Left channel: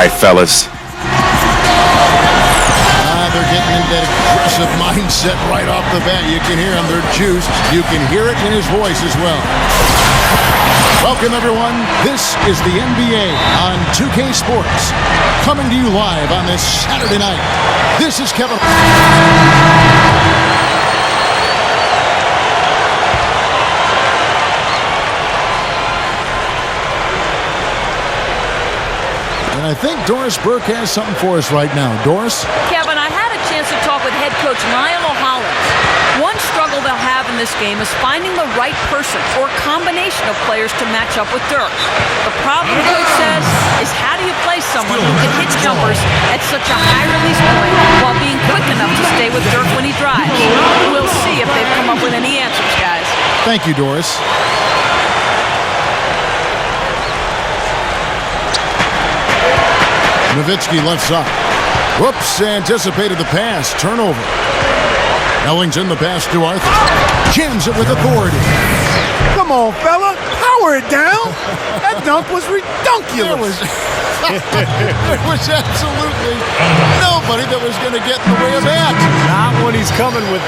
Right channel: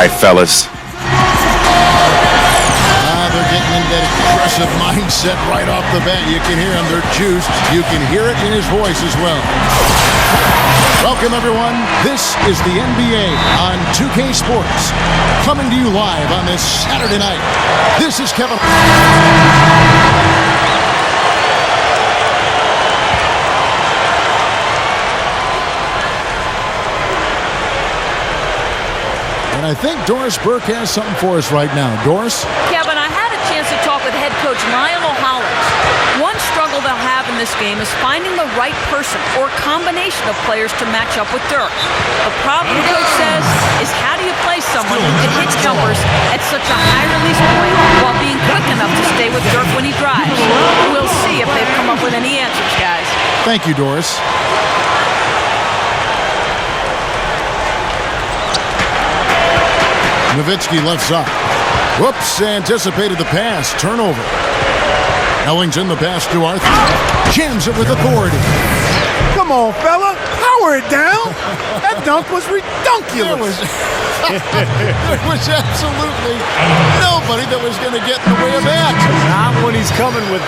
right, fellas. They're getting into that aggressive mindset right off the bat. You can hear them. They're juiced. You can hear it in his voice as well. Welcome, everyone. This is the NBA on 2K Sports. Coming to you live on this Saturday night. This is Kevin. And I think Doris Burke has something for us right now. Doris? Kevin, I had a chance to talk with head coach Lionel Hollins. One struggle they'll have in this game is finding the right person or combination of players to match up with Dirk. The problem, the coach says, is how do you play someone who can hit jumpers at such a high release point while being quick enough to stay with Dirk when he drives? We'll see if they've come up with any answers, guys. Thank you, Doris. Nowitzki left side. Whoops, anticipated the pass. Turnover. Ellington the pass to Arthur. Jams it with authority. Come on, fella. Power it down. That dunk was redunculous. There was absolutely nobody that was going to get in the way of that. Not when he's coming with...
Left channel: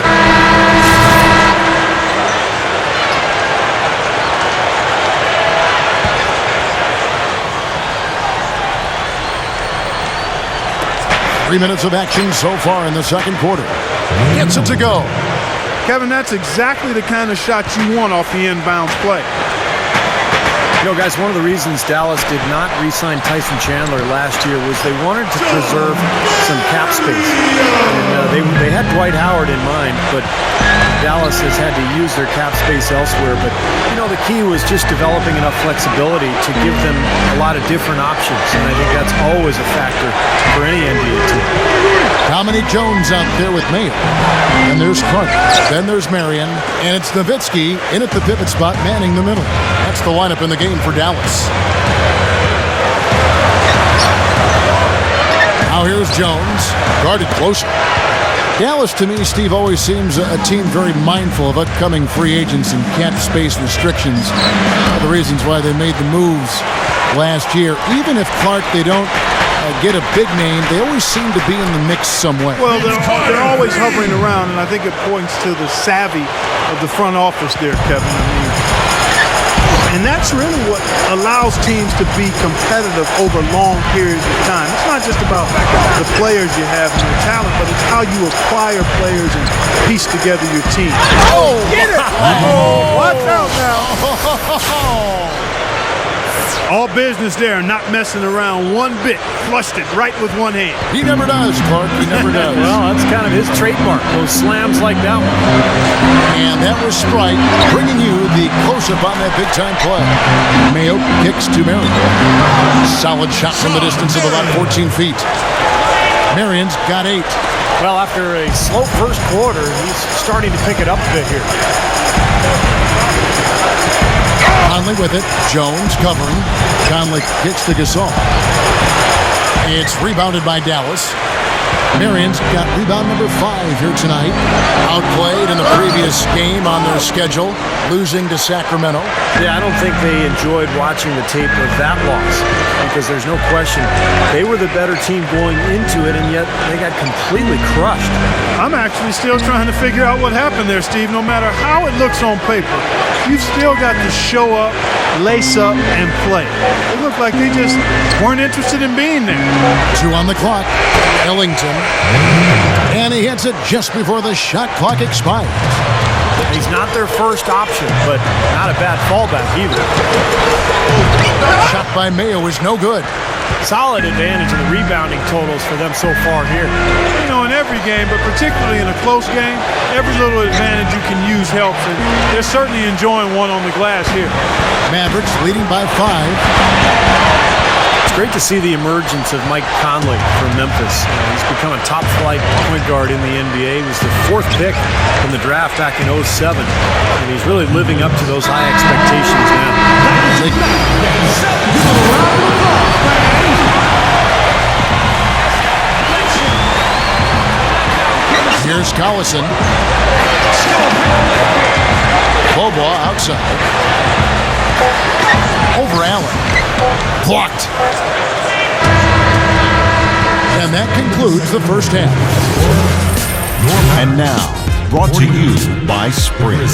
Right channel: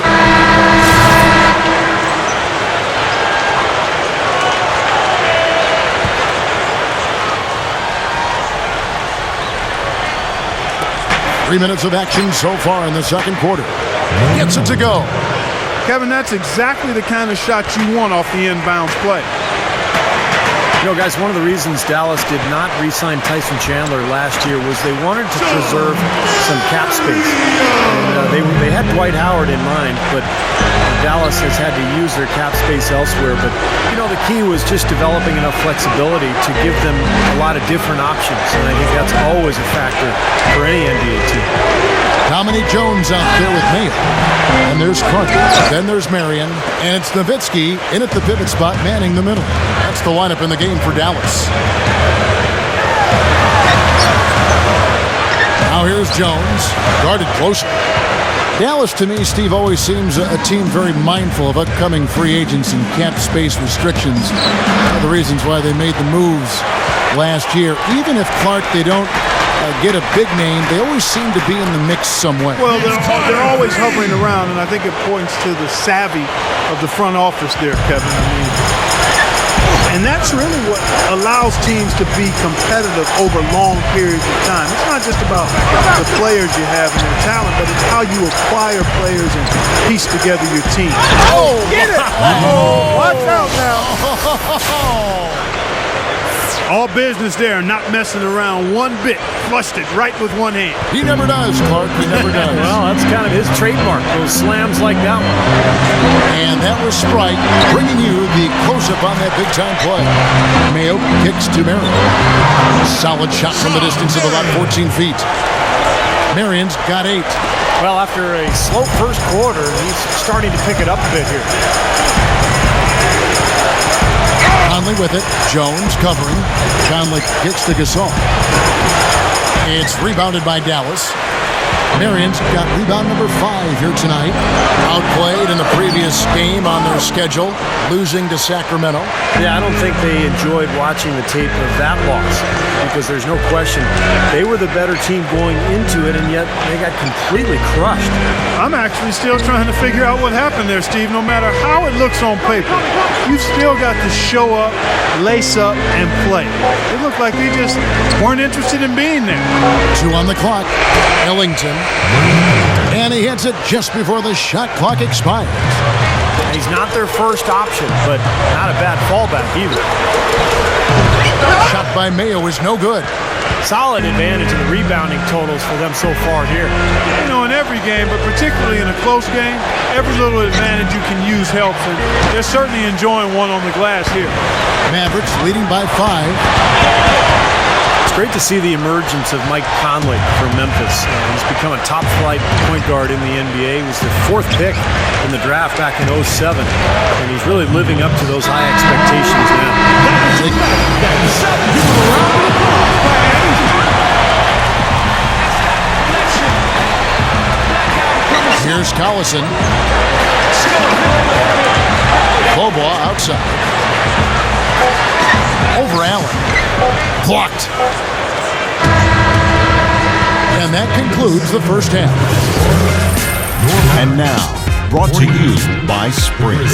3 minutes of action so far in the second quarter. Gets it to go. Kevin, that's exactly the kind of shot you want off the inbounds play. You know, guys, one of the reasons Dallas did not re-sign Tyson Chandler last year was they wanted to preserve some cap space. And they had Dwight Howard in mind, but Dallas has had to use their cap space elsewhere. But, you know, the key was just developing enough flexibility to give them a lot of different options. And I think that's always a factor for any NBA team. Dominique Jones out there with Mayo. And there's Clark. Then there's Marion. And it's Nowitzki in at the pivot spot, manning the middle. That's the lineup in the game for Dallas. Now here's Jones, guarded closer. Dallas, to me, Steve, always seems a team very mindful of upcoming free agents and cap space restrictions. One of the reasons why they made the moves last year. Even if Clark, they don't get a big name, they always seem to be in the mix some way. Well, they're always hovering around, and I think it points to the savvy of the front office there, Kevin. I mean, and that's really what allows teams to be competitive over long periods of time. It's not just about the players you have and their talent, but it's how you acquire players and piece together your team. Oh, get it! Oh, watch out now. All business there, not messing around one bit. Flushed it right with one hand. He never does, Clark. He never does. Well, that's kind of his trademark, those slams like that one. And that was Sprite bringing you the close-up on that big-time play. Mayo kicks to Marion. Solid shot from the distance of about 14 feet. Marion's got 8. Well, after a slow first quarter, he's starting to pick it up a bit here. Conley with it. Jones covering. Conley kicks to Gasol. It's rebounded by Dallas. Marion's got rebound number 5 here tonight. Outplayed in the previous game on their schedule, losing to Sacramento. Yeah, I don't think they enjoyed watching the tape of that loss because there's no question they were the better team going into it, and yet they got completely crushed. I'm actually still trying to figure out what happened there, Steve. No matter how it looks on paper, you've still got to show up, lace up, and play. It looked like they just weren't interested in being there. 2 on the clock. Ellington. And he hits it just before the shot clock expires. He's not their first option, but not a bad fallback either. Shot by Mayo is no good. Solid advantage in the rebounding totals for them so far here. You know, in every game, but particularly in a close game, every little advantage you can use helps, and they're certainly enjoying one on the glass here. Mavericks leading by 5. It's great to see the emergence of Mike Conley for Memphis. He's become a top-flight point guard in the NBA. He was the 4th pick in the draft back in 2007, and he's really living up to those high expectations now. Give him a round of applause, fans. Here's Collison. Bobo outside. Over Allen. Blocked. And that concludes the first half. And now, brought to you by Sprint.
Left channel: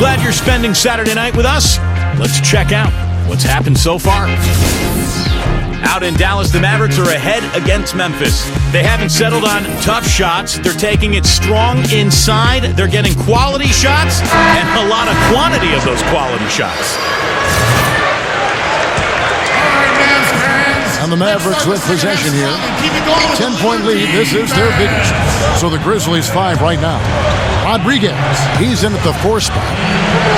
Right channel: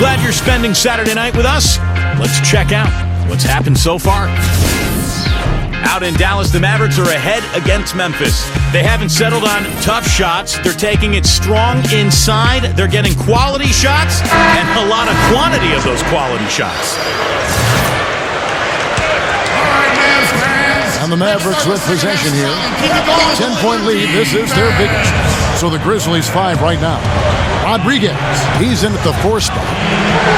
Glad you're spending Saturday night with us. Let's check out what's happened so far. Out in Dallas, the Mavericks are ahead against Memphis. They haven't settled on tough shots. They're taking it strong inside. They're getting quality shots and a lot of quantity of those quality shots. And the Mavericks with possession here. 10-point lead. This is their biggest. So the Grizzlies 5 right now. Rodriguez, he's in at the 4 spot.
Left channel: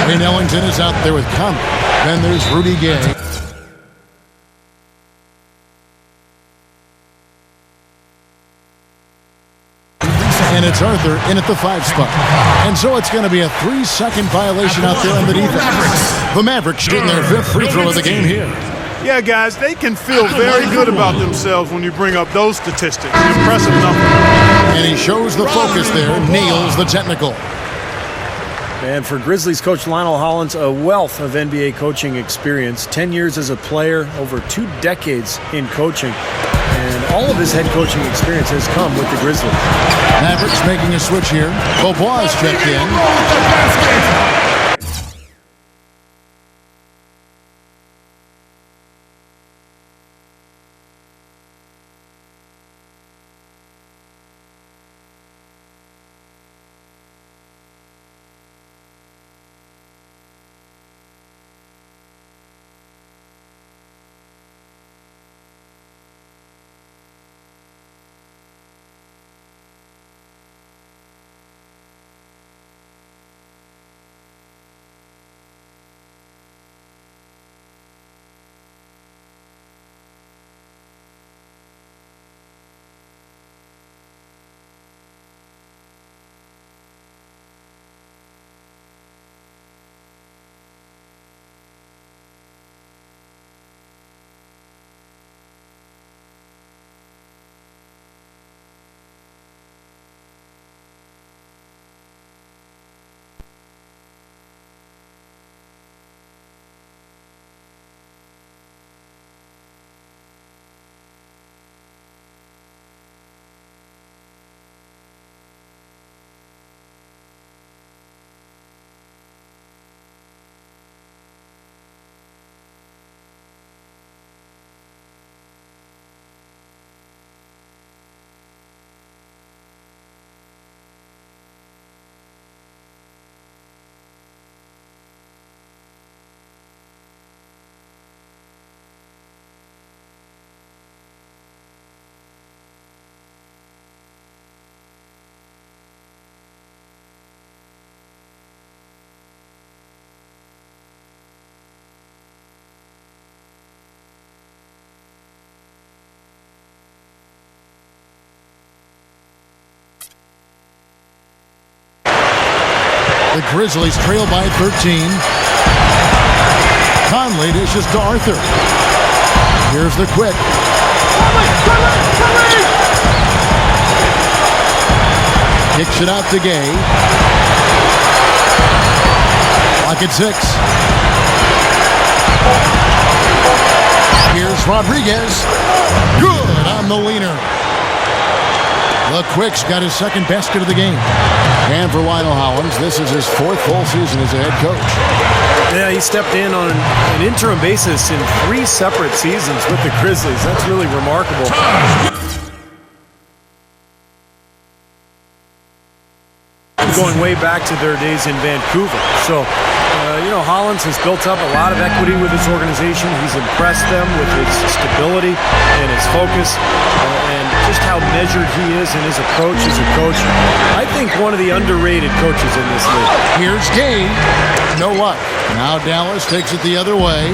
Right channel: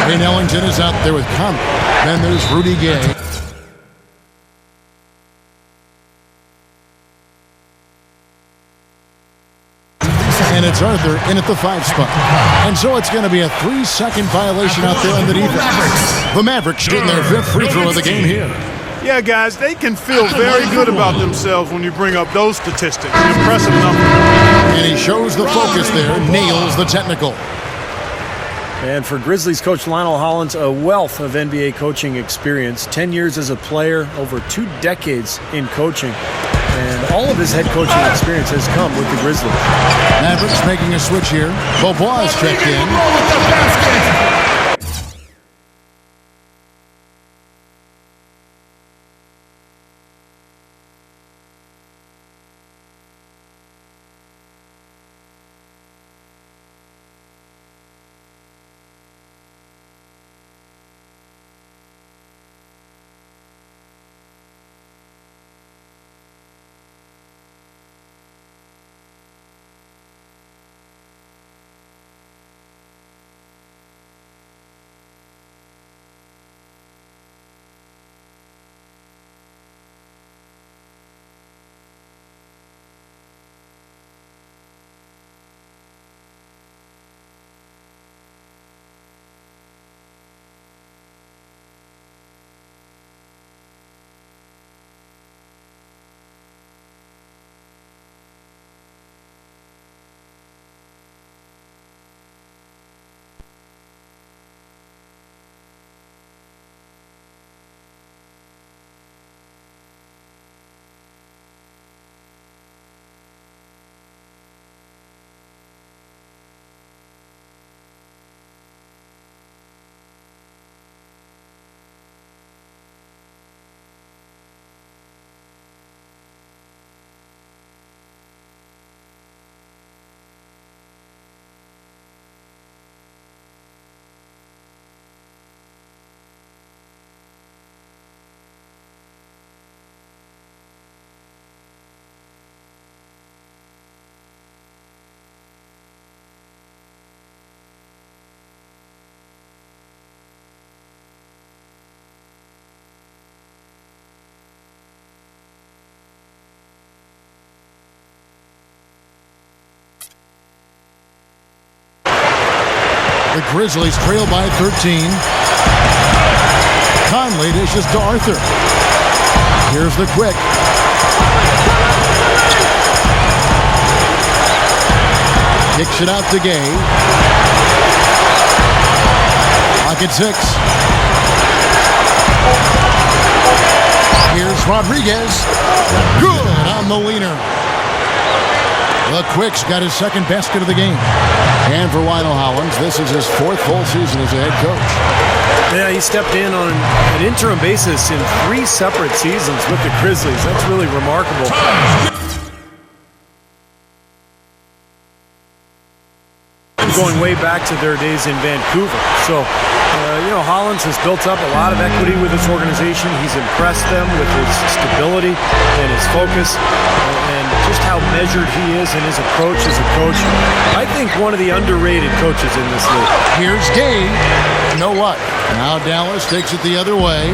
Wayne Ellington is out there with Conley. Then there's Rudy Gay. And it's Huerter in at the 5 spot. And so it's going to be a 3-second violation out there on the defense. The Mavericks getting their 5th free throw of the game here. Yeah, guys, they can feel very good about themselves when you bring up those statistics. Impressive number. And he shows the focus there, nails the technical. And for Grizzlies coach Lionel Hollins, a wealth of NBA coaching experience. 10 years as a player, over 2 decades in coaching. And all of his head coaching experience has come with the Grizzlies. Mavericks making a switch here. Beaubois checked in. The Grizzlies trail by 13. Conley dishes to Huerter. Here's the quick. Kicks it out to Gay. Clock at 6. Here's Rodriguez. Good on the leaner. The Quick's got his 2nd basket of the game. And for Lionel Hollins, this is his 4th full season as a head coach. Yeah, he stepped in on an interim basis in 3 separate seasons with the Grizzlies. That's really remarkable. Going way back to their days in Vancouver. So, Hollins has built up a lot of equity with this organization. He's impressed them with his stability and his focus and just how measured he is in his approach as a coach. I think one of the underrated coaches in this league. Here's Gay. No luck. Now Dallas takes it the other way.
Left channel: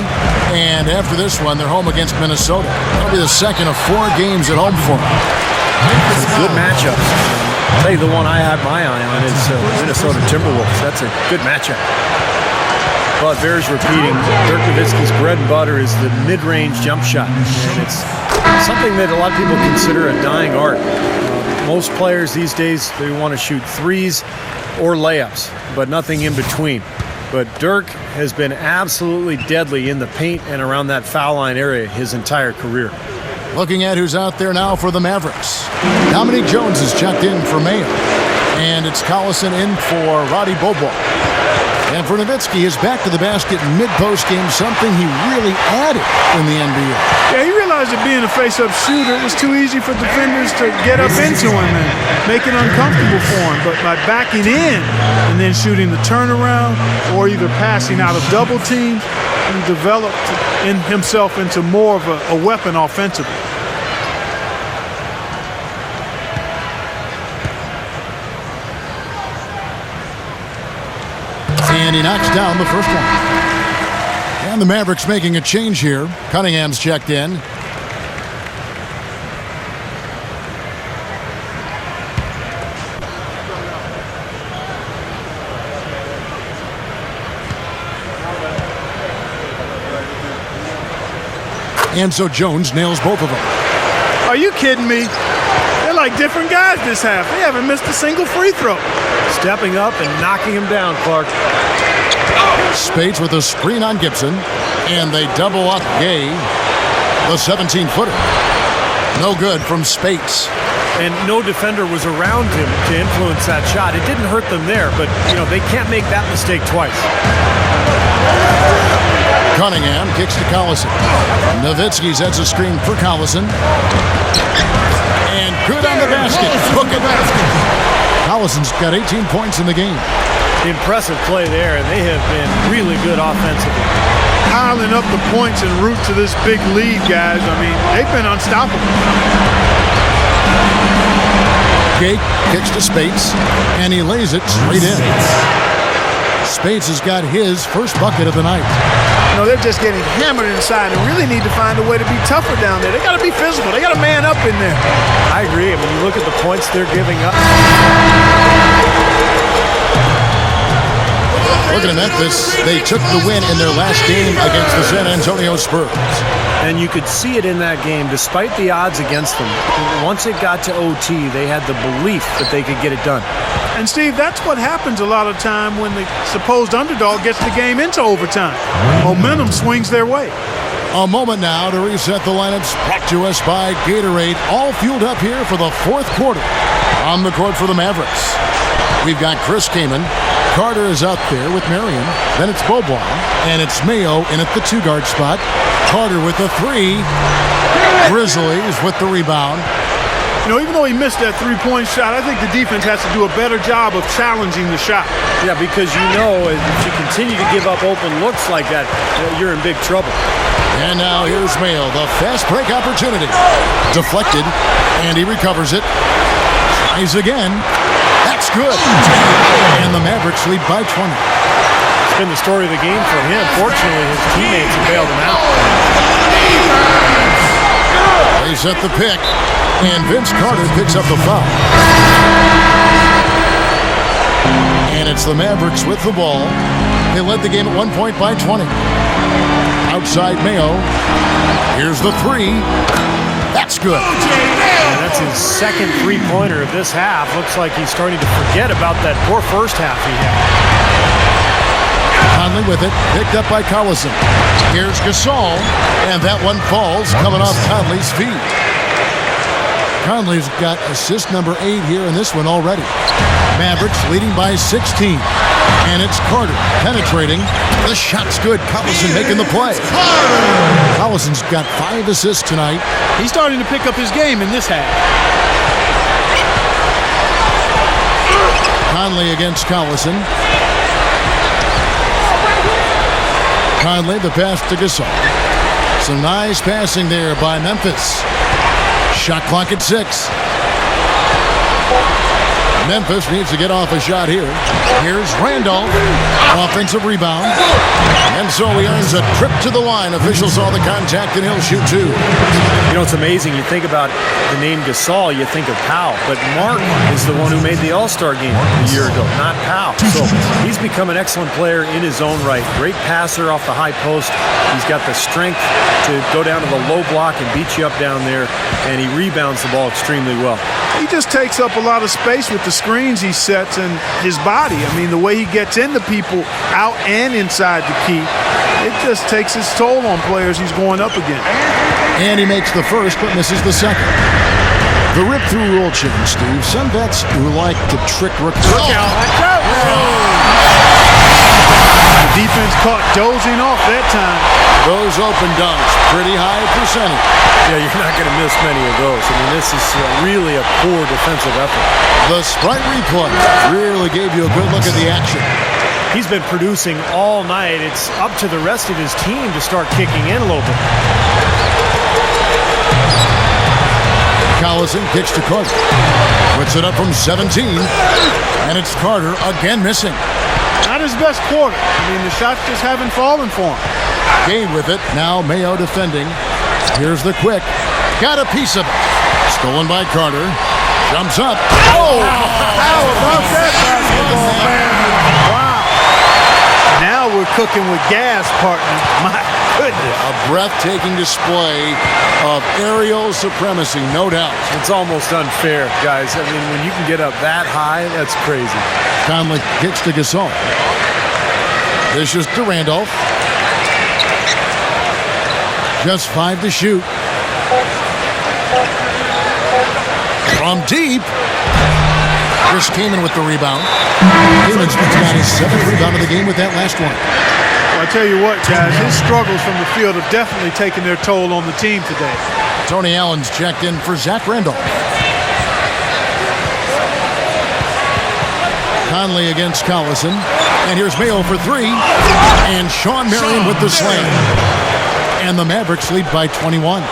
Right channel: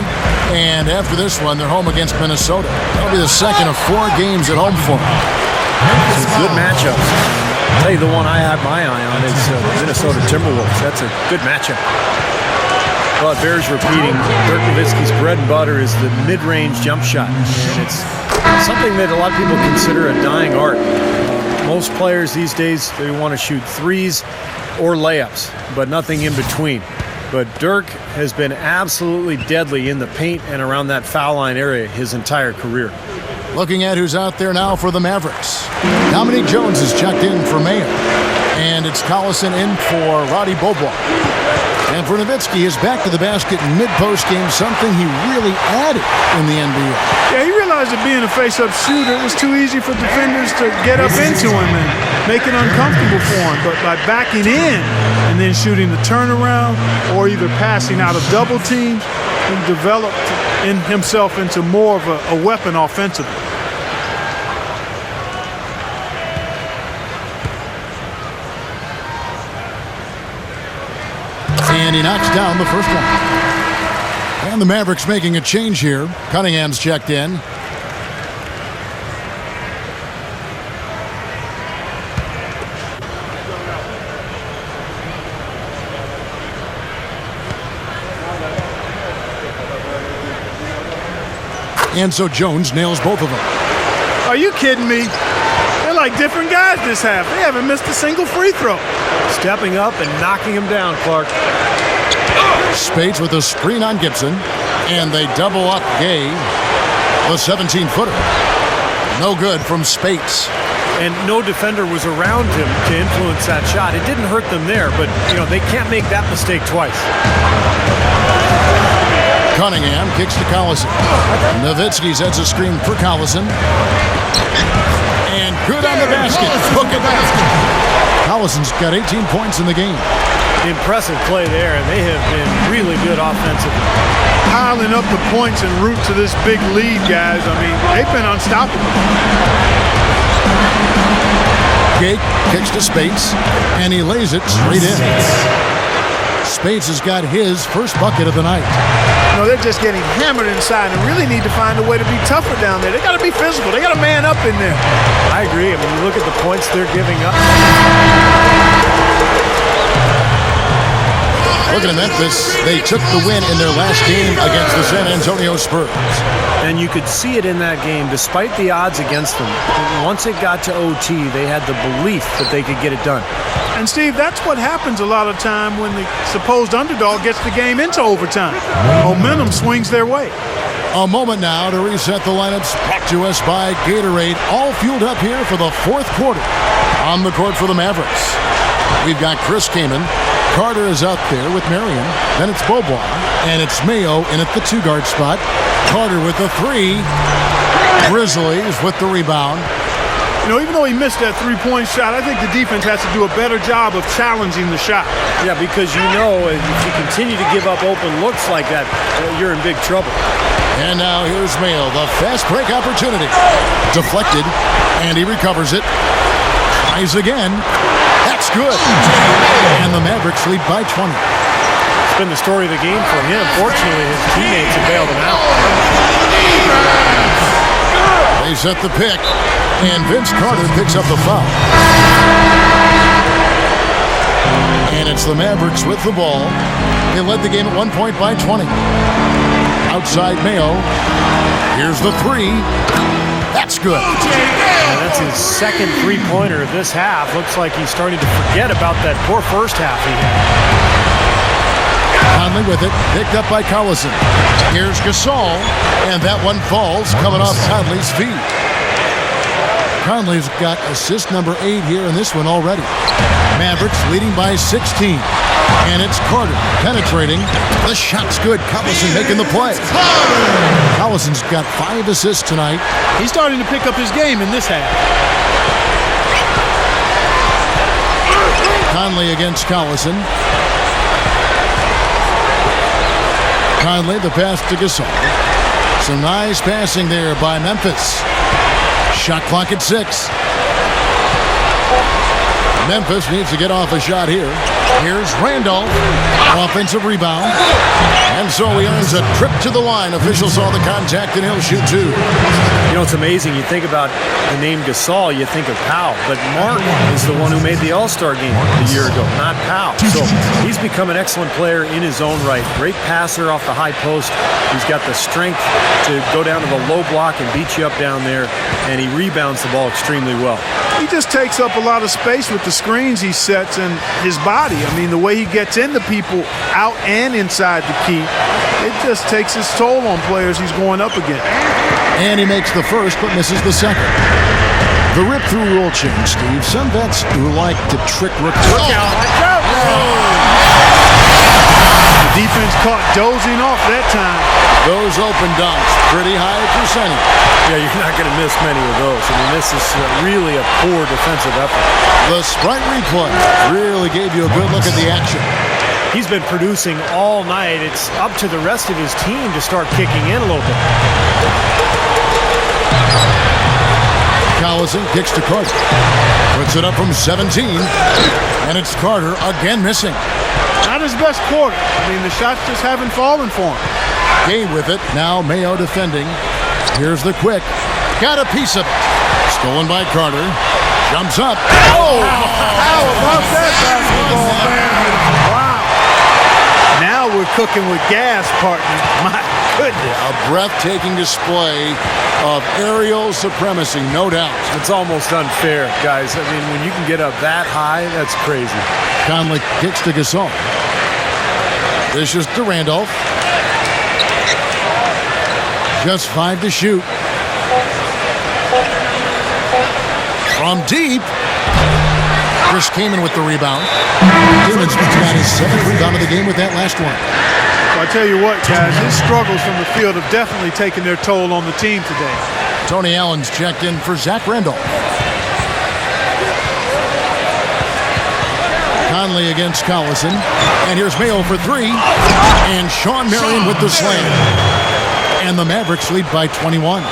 And after this one, they're home against Minnesota. That'll be the 2nd of 4 games at home for them. Some good matchups. I'll tell you the one I have my eye on is the Minnesota Timberwolves. That's a good matchup. Well, it bears repeating. Dirk Nowitzki's bread and butter is the mid-range jump shot. And it's something that a lot of people consider a dying art. Most players these days, they want to shoot threes or layups, but nothing in between. But Dirk has been absolutely deadly in the paint and around that foul line area his entire career. Looking at who's out there now for the Mavericks. Dominique Jones is checked in for Mayo. And it's Collison in for Roddy Beaubois. And for Nowitzki is back to the basket mid-post game, something he really added in the NBA. Yeah, he realized that being a face-up shooter, it was too easy for defenders to get up into him and make it uncomfortable for him. But by backing in and then shooting the turnaround or either passing out of double teams, he developed himself into more of a weapon offensively. And he knocks down the first one. And the Mavericks making a change here. Cunningham's checked in. And so Jones nails both of them. Are you kidding me? They're like different guys this half. They haven't missed a single free throw. Stepping up and knocking him down, Clark. Spades with a screen on Gibson. And they double up Gay. The 17-footer. No good from Spades. And no defender was around him to influence that shot. It didn't hurt them there, but, they can't make that mistake twice. Cunningham kicks to Collison. Nowitzki sets a screen for Collison. And good on the basket. Book it. Collison's got 18 points in the game. Impressive play there, and they have been really good offensively. Piling up the points en route to this big lead, guys. I mean, they've been unstoppable. Gay kicks to Spades, and he lays it straight in. Spades has got his first bucket of the night. They're just getting hammered inside and really need to find a way to be tougher down there. They got to be physical. They got to man up in there. I agree. I mean, you look at the points they're giving up. Looking at Memphis, they took the win in their last game against the San Antonio Spurs. And you could see it in that game, despite the odds against them. Once it got to OT, they had the belief that they could get it done. And, Steve, that's what happens a lot of time when the supposed underdog gets the game into overtime. Momentum swings their way. A moment now to reset the lineups, brought to us by Gatorade, all fueled up here for the fourth quarter. On the court for the Mavericks, we've got Chris Kaman. Carter is out there with Marion. Then it's Beaubois, and it's Mayo in at the two-guard spot. Carter with the three. Grizzlies with the rebound. Even though he missed that three-point shot, I think the defense has to do a better job of challenging the shot. Yeah, because if you continue to give up open looks like that, you're in big trouble. And now here's Mayo, the fast break opportunity. Deflected, and he recovers it. Tries again. That's good. And the Mavericks lead by 20. It's been the story of the game for him. Fortunately, his teammates have bailed him out. They set the pick, and Vince Carter picks up the foul. And it's the Mavericks with the ball. They led the game at 1 point by 20. Outside Mayo. Here's the three. That's good. And that's his second three-pointer of this half. Looks like he's starting to forget about that poor first half he had. Conley with it, picked up by Collison. Here's Gasol, and that one falls, coming off Conley's feet. Conley's got assist number 8 here in this one already. Mavericks leading by 16. And it's Carter penetrating. The shot's good. Collison making the play. Collison's got 5 assists tonight. He's starting to pick up his game in this half. Conley against Collison. Conley, the pass to Gasol. Some nice passing there by Memphis. Shot clock at 6. Memphis needs to get off a shot here. Here's Randolph. Offensive rebound. And so he earns a trip to the line. Officials saw the contact and he'll shoot 2. It's amazing. You think about the name Gasol, you think of Powell. But Mark is the one who made the All-Star game a year ago, not Powell. So he's become an excellent player in his own right. Great passer off the high post. He's got the strength to go down to the low block and beat you up down there. And he rebounds the ball extremely well. He just takes up a lot of space with the screens he sets and his body. I mean, the way he gets into people out and inside the key it just takes its toll on players he's going up against. And he makes the first but misses the second. The rip-through rule change, Steve. Some vets who like to trick rookies. Watch out! The defense caught dozing off that time. Those open dunks, pretty high percentage. Yeah, you're not going to miss many of those. I mean, this is really a poor defensive effort. The Sprite replay really gave you a good look at the action. He's been producing all night. It's up to the rest of his team to start kicking in a little bit. Collison kicks to Carter. Puts it up from 17. And it's Carter again missing. Not his best quarter. I mean, the shots just haven't fallen for him. Gay with it. Now Mayo defending. Here's the quick. Got a piece of it. Stolen by Carter. Jumps up. Oh! How about that basketball, man? Wow. Now we're cooking with gas, partner. My goodness. A breathtaking display of aerial supremacy, no doubt. It's almost unfair, guys. I mean, when you can get up that high, that's crazy. Conley kicks to Gasol. Dishes to Randolph. Just 5 to shoot. From deep. Chris Kaman with the rebound. Kaman's got his 7th rebound of the game with that last one. Well, I tell you what, guys, his struggles from the field have definitely taken their toll on the team today. Tony Allen's checked in for Zach Randolph. Conley against Collison. And here's Mayo for 3. And Sean Marion with the slam. And the Mavericks lead by 21.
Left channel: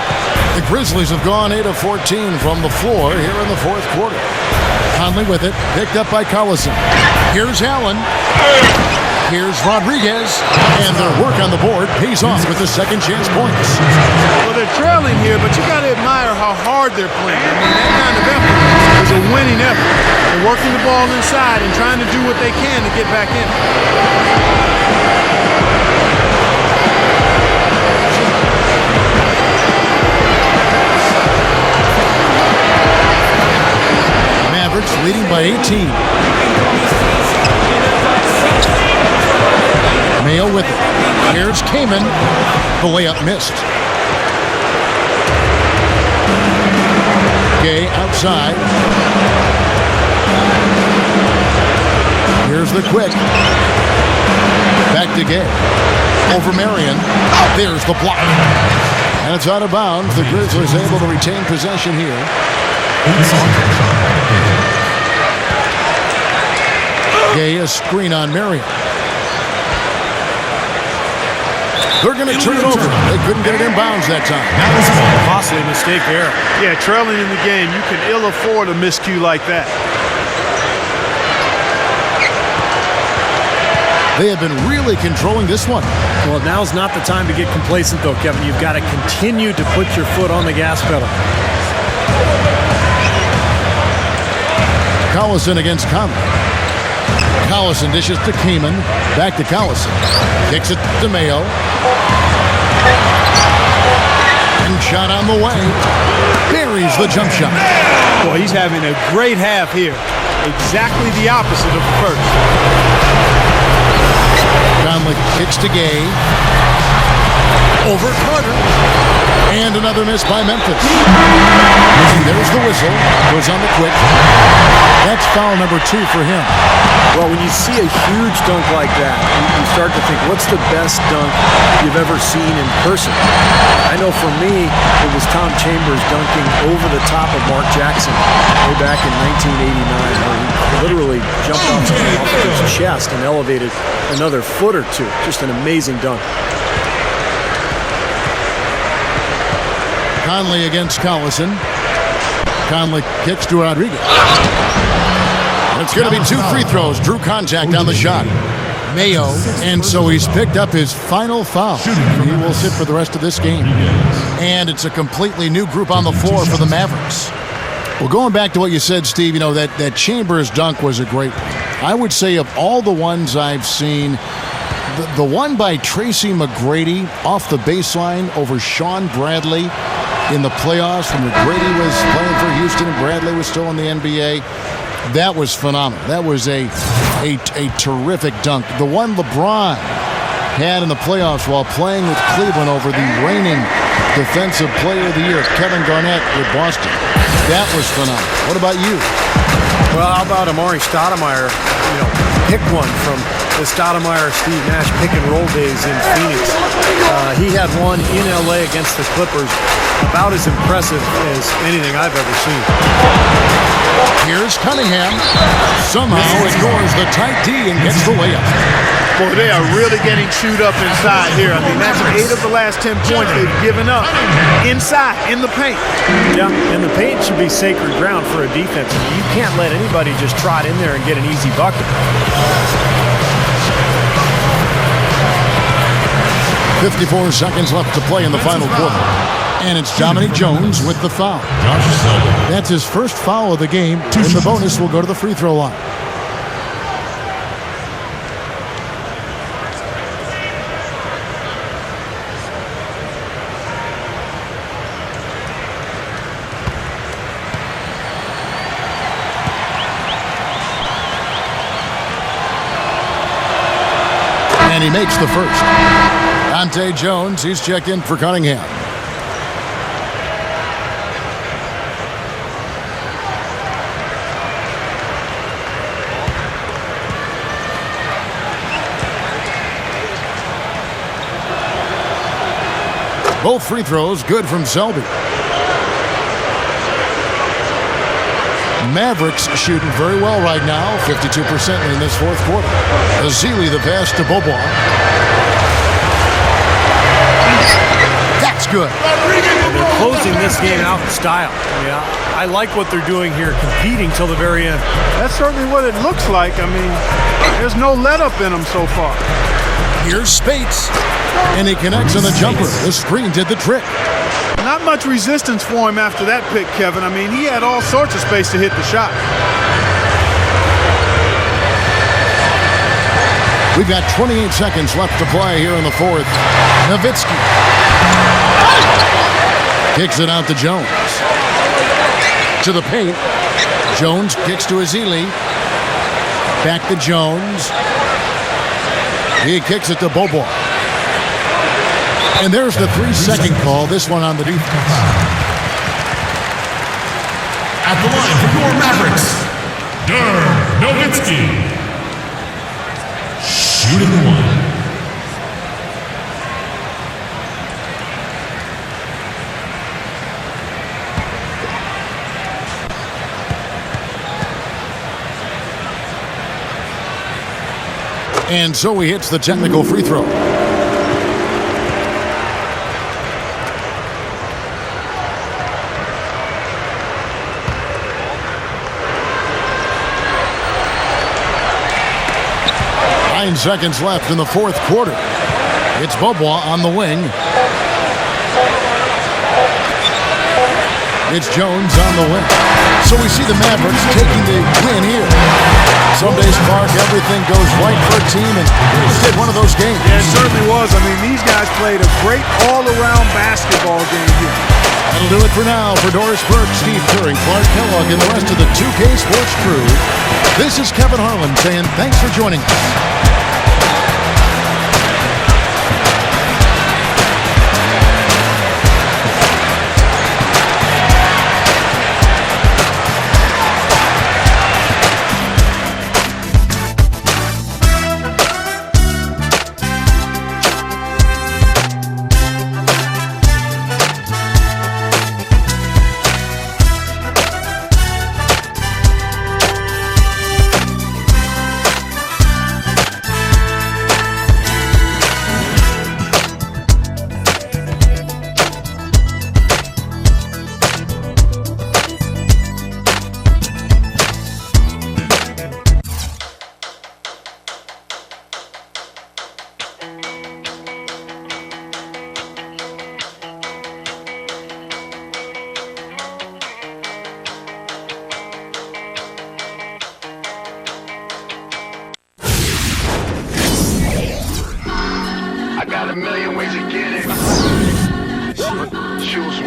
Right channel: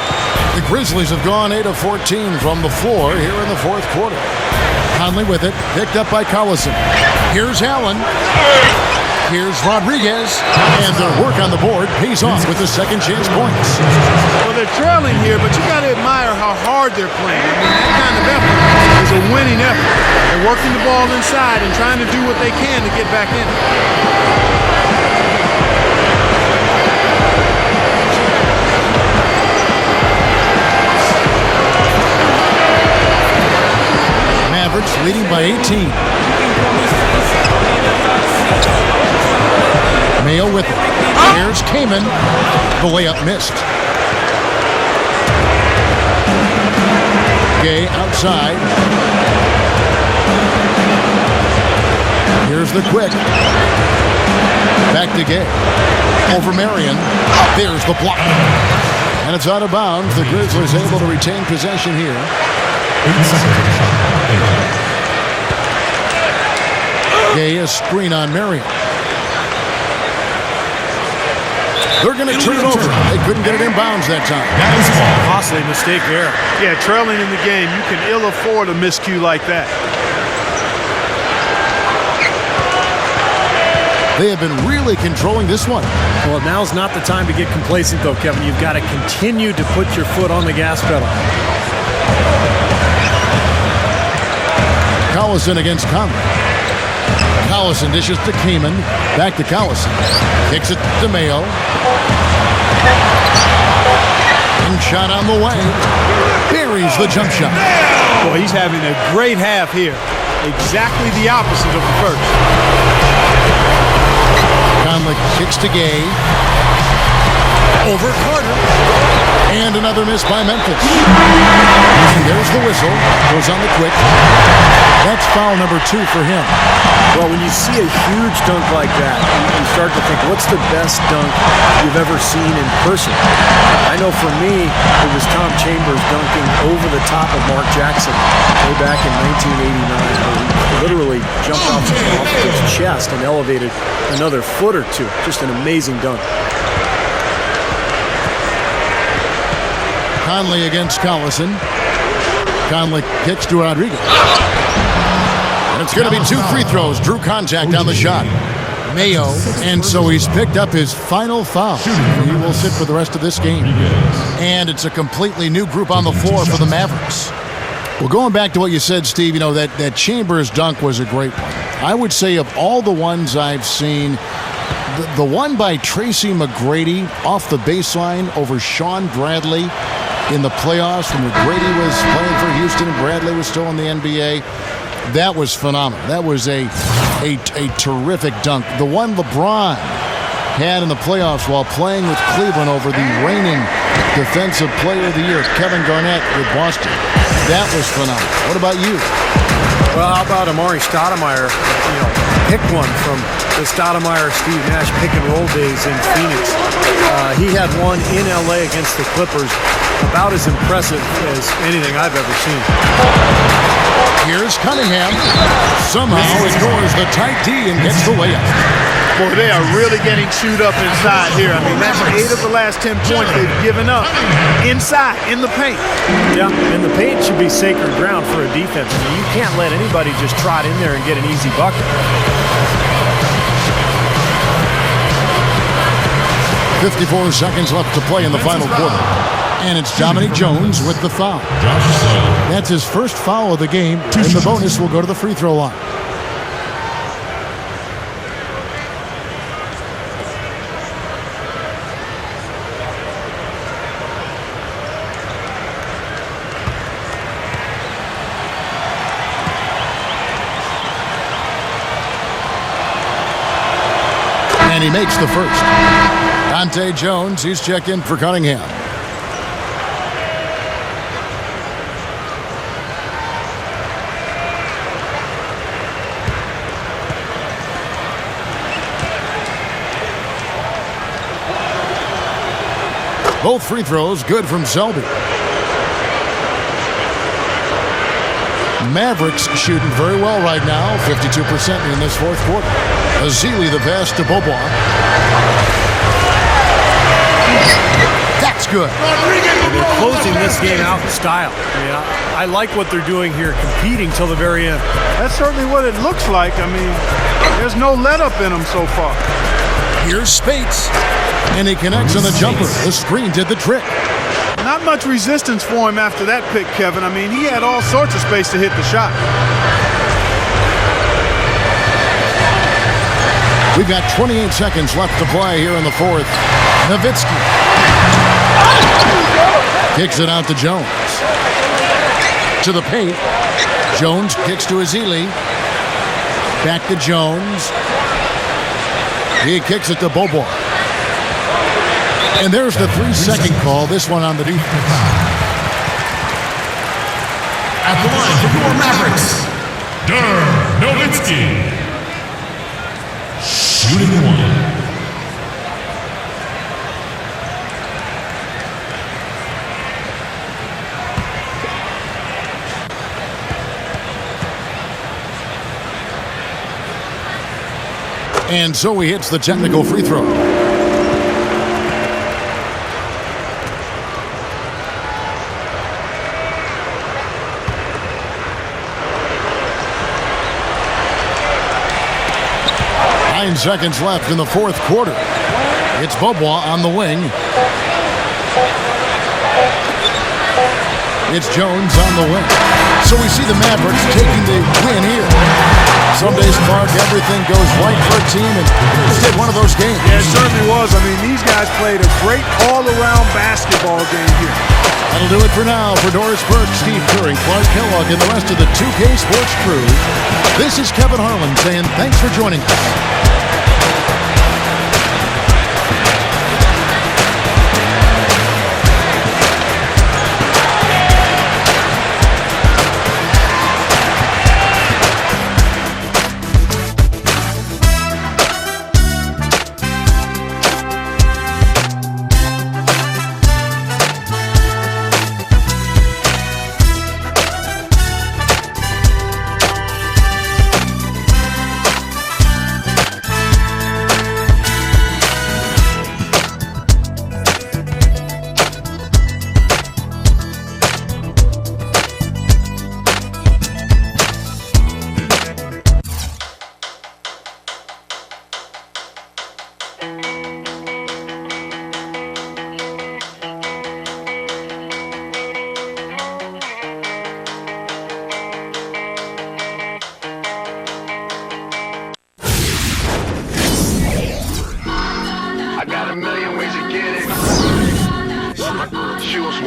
The Grizzlies have gone 8 of 14 from the floor here in the fourth quarter. Conley with it, picked up by Collison. Here's Allen. Here's Rodriguez. And their work on the board pays off with the second chance points. Well, they're trailing here, but you got to admire how hard they're playing. I mean, that kind of effort is a winning effort. They're working the ball inside and trying to do what they can to get back in it. Mavericks leading by 18. Mayo with it. Here's Kaman. The layup missed. Gay outside. Here's the quick. Back to Gay. Over Marion. There's the block. And it's out of bounds. The Grizzlies able to retain possession here. 8 seconds on the shot clock. 8. Gay, a screen on Marion. They're going to turn it over. They couldn't get it in bounds that time. Dallas ball. Costly mistake there. Yeah, trailing in the game, you can ill afford a miscue like that. They have been really controlling this one. Well, now's not the time to get complacent, though, Kevin. You've got to continue to put your foot on the gas pedal. Collison against Conley. Collison dishes to Kaman. Back to Collison. Kicks it to Mayo. And shot on the way. Buries the jump shot. Boy, he's having a great half here. Exactly the opposite of the first. Conley kicks to Gay. Over Carter. And another miss by Memphis. And there's the whistle. Goes on the quick. That's foul number 2 for him. Well, when you see a huge dunk like that, you start to think, what's the best dunk you've ever seen in person? I know for me, it was Tom Chambers dunking over the top of Mark Jackson way back in 1989, where he literally jumped off his chest and elevated another foot or two. Just an amazing dunk. Conley against Collison. Conley kicks to Rodriguez. And it's going to be 2 free throws. Drew contact on the shot. Mayo, and so he's picked up his final foul. He will sit for the rest of this game. And it's a completely new group on the floor for the Mavericks. Well, going back to what you said, Steve, you know, that Chambers dunk was a great one. I would say of all the ones I've seen, the one by Tracy McGrady off the baseline over Sean Bradley in the playoffs when McGrady was playing for Houston and Bradley was still in the NBA, that was phenomenal. That was a terrific dunk. The one LeBron had in the playoffs while playing with Cleveland over the reigning Defensive Player of the Year, Kevin Garnett with Boston. That was phenomenal. What about you? Well, how about Amari Stoudemire? Pick one from the Stoudemire-Steve Nash pick-and-roll days in Phoenix. He had one in L.A. against the Clippers, about as impressive as anything I've ever seen. Here's Cunningham. Somehow ignores the tight D and gets the layup. Boy, they are really getting chewed up inside here. I mean, that's 8 of the last 10 points they've given up inside, in the paint. Yeah, and the paint should be sacred ground for a defense. I mean, you can't let anybody just trot in there and get an easy bucket. 54 seconds left to play in the final quarter. And it's Dominic Jones with the foul. That's his first foul of the game, and the bonus will go to the free throw line. And he makes the first. Dante Jones, he's checked in for Cunningham. Both free throws good from Selby. Mavericks shooting very well right now, 52% in this fourth quarter. Azili the pass to Beaubois. That's good. And they're closing this game out in style. I mean, I like what they're doing here, competing till the very end. That's certainly what it looks like. I mean, there's no let-up in them so far. Here's Spates. And he connects on the jumper. The screen did the trick. Not much resistance for him after that pick, Kevin. I mean, he had all sorts of space to hit the shot. We've got 28 seconds left to play here in the fourth. Nowitzki kicks it out to Jones. To the paint. Jones kicks to Azili. Back to Jones. He kicks it to Beaubois. And there's the 3-second call, this one on the defense. At the line for your Mavericks, Dirk Nowitzki. Shooting one. And so he hits the technical free throw. Nine seconds left in the fourth quarter. It's Beaubois on the wing. It's Jones on the wing. So we see the Mavericks taking the win here. Some days, Clark, everything goes right for a team, and this did one of those games. Yeah, it certainly was. I mean, these guys played a great all-around basketball game here. That'll do it for now. For Doris Burke, Steve Kerr, and Clark Kellogg, and the rest of the 2K Sports crew, this is Kevin Harlan saying thanks for joining us. Got a million ways to get it. Shoes.